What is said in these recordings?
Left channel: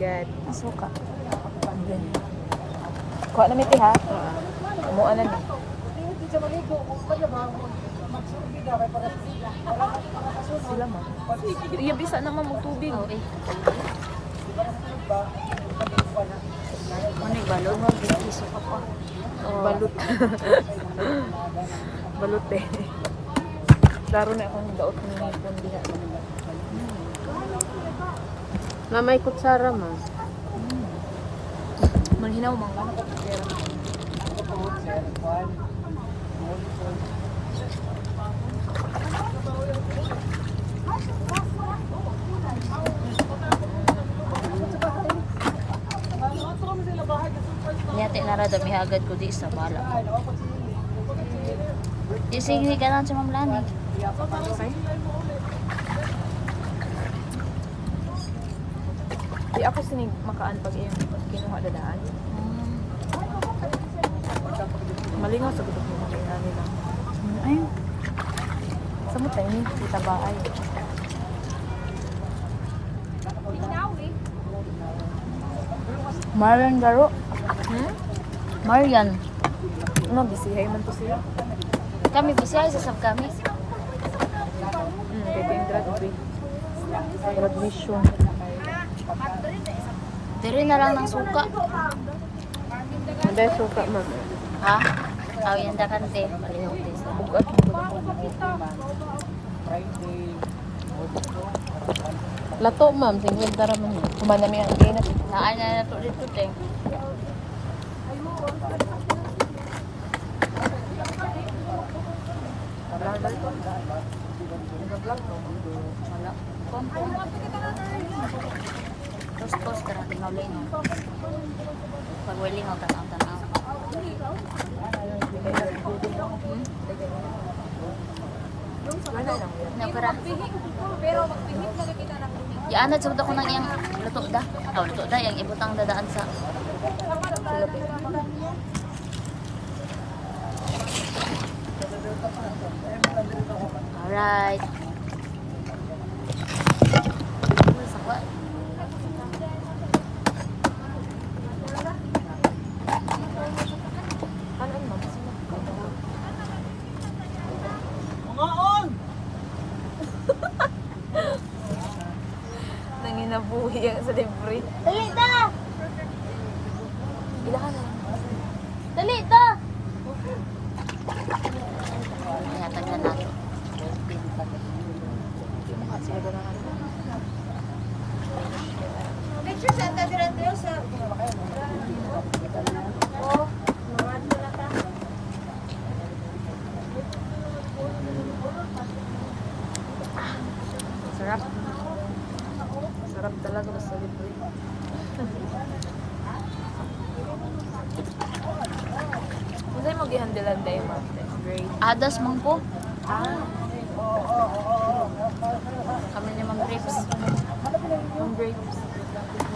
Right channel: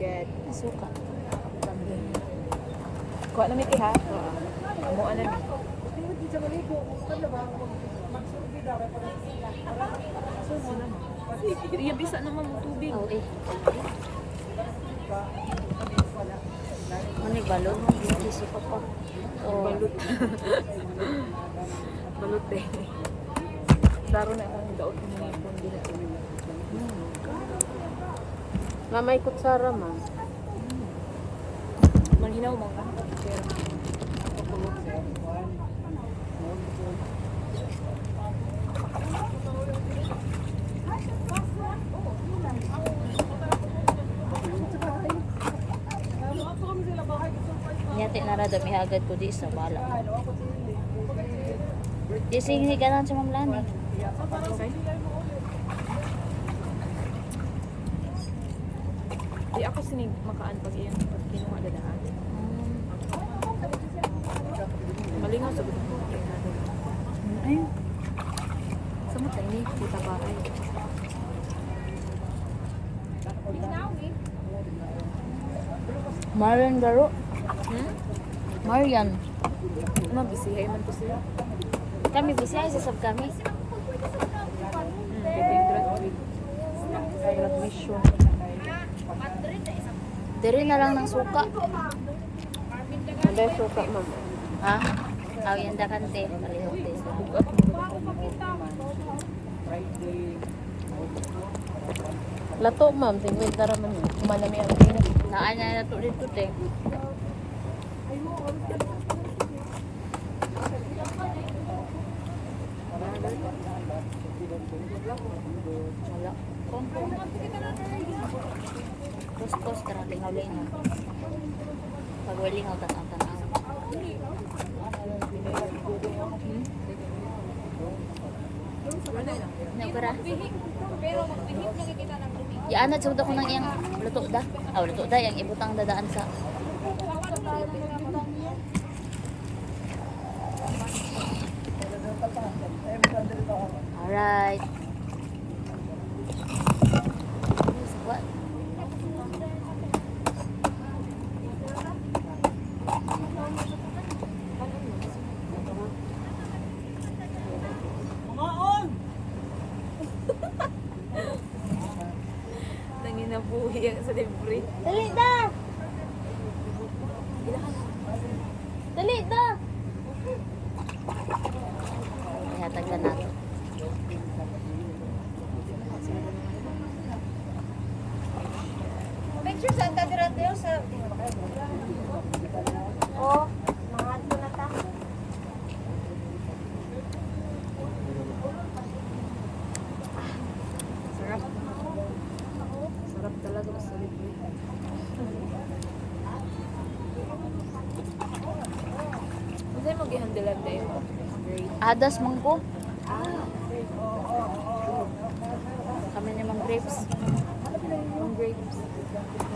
God. Suka. Kuha na miti ha. Kumuha na ni. Sila mo. Iya bisa naman mo tubig. Oh, eh. Manig balon mo, suka pa. Oh. Balut. Balut eh. Laro na akong daot ng pundi na ito. Nga may kutsara man. Manhinaw man ka. Pero Nyate na rada mihagad ko di sa bala. Di sige ka lang sa mamlani. di ako sinig makaan pag iyang pag kinuha dadaan. Malingaw sa gudok mo. Ay, Sa mo tayo ni? Kita ba ay? Marian Garo. Marian. Ano, bisihay man to sila. Kami bisaya sa sab kami. Pwedeng drug mission. Diri na lang ng suka. May suka man. Ha? Aw yan da kante, malihok din sa. Bugat mo Lato ma'am, single tara man yun. kumanami ang kinat. Naan na to dito te. Wala. Kompong. Tos-tos karang lingaw-lingaw. Pag lingaw tanaw-tanaw. Nagkara. Pero magpihit na kita ng tubig. Yaanad sugda ko nang iyang luto da. Aw luto da yang ibutang dadaan sa. Alright. Sakwa. Nanginabuhi ang sa libre. Dali da. Ilahan na. Dali da. Ihatag na nato. Make sure sa tadira sa... Sarap. Sarap talaga basta libre. Kung sa'yo mag-ihandilan dahil ma'am. Great. Adas mangko. Ah, Kami ni Mang Grapes. yung grapes.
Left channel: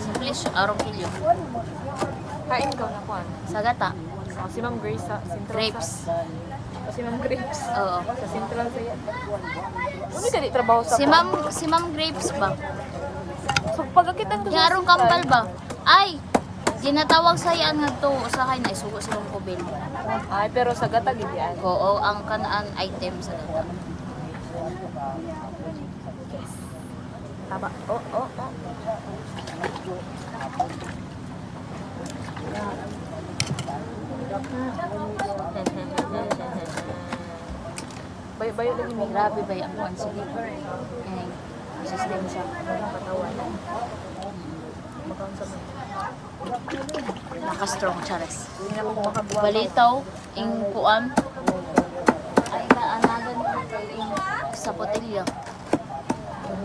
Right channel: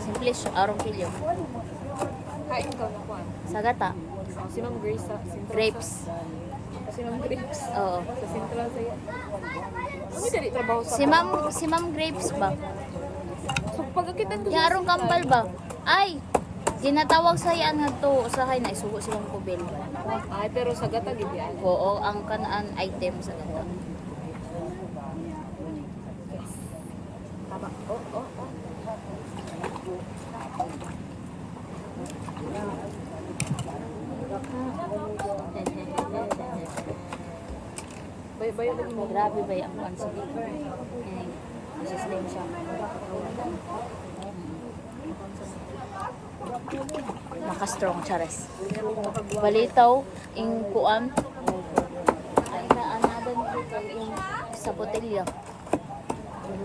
Simple arong kilyo. Kain ka na kuan. Sagata. Si Ma'am Grace sa Central. Grapes. Si Ma'am Grapes. Oo. Sa Central sa Ano ka di trabaho sa Si Ma'am Grapes ba? So pagkakitan ko Yung arong kambal ba? Ay! Ginatawag sa yan nga to. Usahay na isugo si Ma'am Kubel. Ay, pero sa gata gid yan. Oo, ang kanaan item sa gata. Taba. Oh. Bayo lagi May grabe ba yung kuan sige. Ngay, system siya. katawan. Naka-strong chares. Hindi na mo makabuha. Balitaw, ing kuan. Ay, kaanadan ko kay ing sa botelya.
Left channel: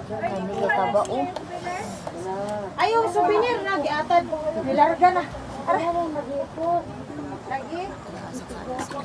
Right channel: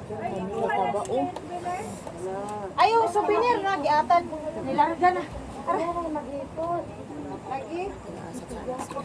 Kani kay taba oh. Ayaw, souvenir na. Giatan. Nilarga na. Ayaw, mag-ipon. Lagi. Asa ka na siya.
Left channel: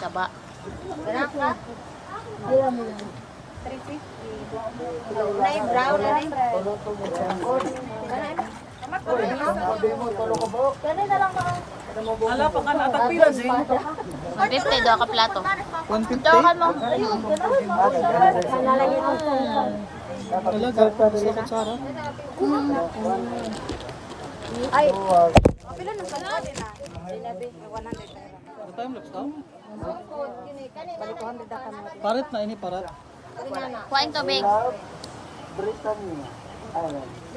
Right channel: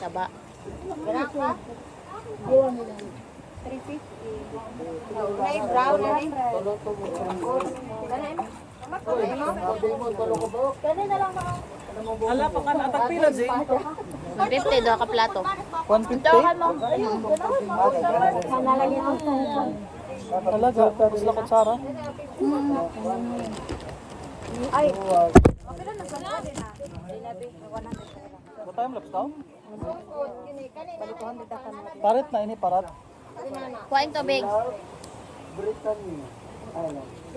Taba. Nay brown na nay. Ala pa kan atak pila Jing. 150 daw ka plato. 150. Tawakan mo. Talaga, tapos na kutsara. Ay. Dapat yung laptop? Parit na ini, parat. Kuhain tubig.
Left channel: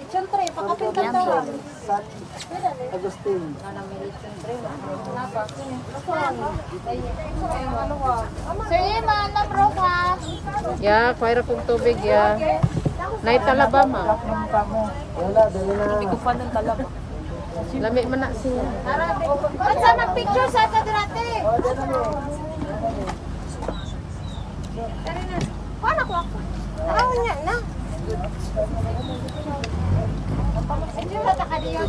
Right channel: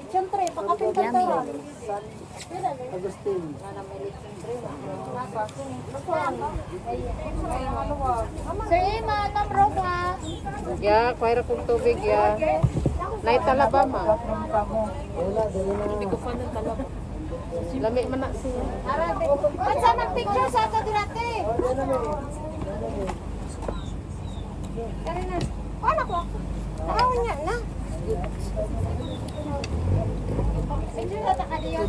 Siyempre, Yummy. Sir Iman, namro ka. Ya, paira kong tubig ya. Night talaba ma'am. Hindi ko fan ng talab. Lami man na siya. Saan ang picture sa ito dati? Ano ko? Ano niya na? Picture sa takadiyo.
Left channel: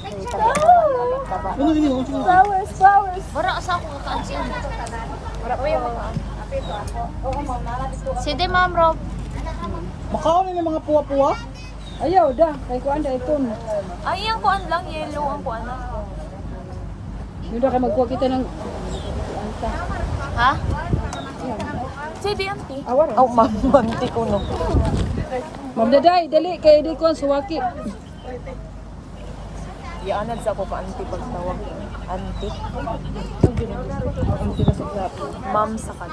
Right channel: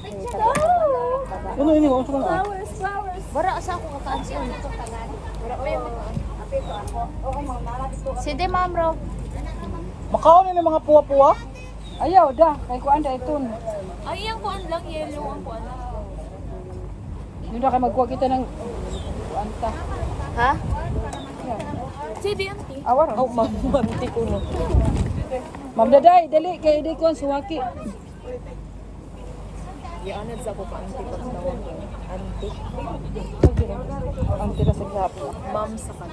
Ay, taba. Ano ini mo? Ano? Bara sa ako kakaan siya. Sige, Ma'am Rob. Makaon na ng mga puwa-puwa? Ayaw da, kay kuan da iton. Ay, yung kuan lang, yellow ang kuan. Yun da kay magkuha kita ng kuan ta. Ha? Sige, auntie. Awar. Oh, manti ko no. Ma'am Daday, dali kay di kuan suwaki. Ianad sa ako pa auntie pag tawag ko. Auntie. Ang tira sa grap. Ma'am sa kan.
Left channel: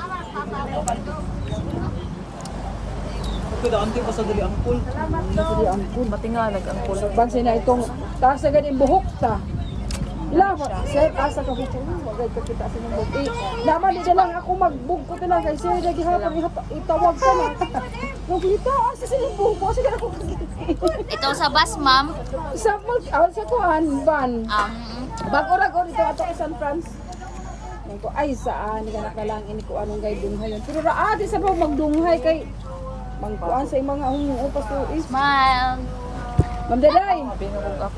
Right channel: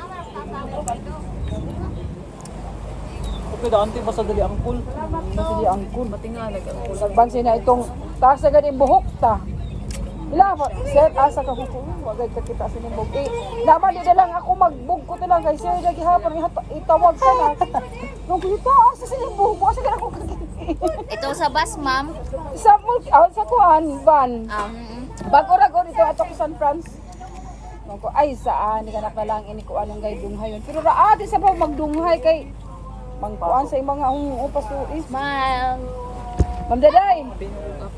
Ito da anti pa sa dali angkol. Dili ang kun. Mati nga nag-angkol. Bansin na itong taas agad yung buhok ta. Ila pa, sir asa ka huko. Wagay ka kita sa buhok. Naman di na lang ako magbug ko to lang kay sir lagi hapon itawag ka na. Nung kita asa sa buhok ko asa ka ako. Ito sa bus, Ma'am. Sa sa kuan ban. Bago ra ko dito ato sa San Franz. Ako ay saan ni kanak na lang ini ko anong gay dunghay yun. Pero ra di sa pa magdunghay kay mangkuan sa mga upas to is. Smile. Ma'am Daday. Binugog ako.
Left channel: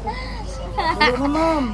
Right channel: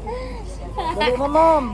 Ano na ma'am?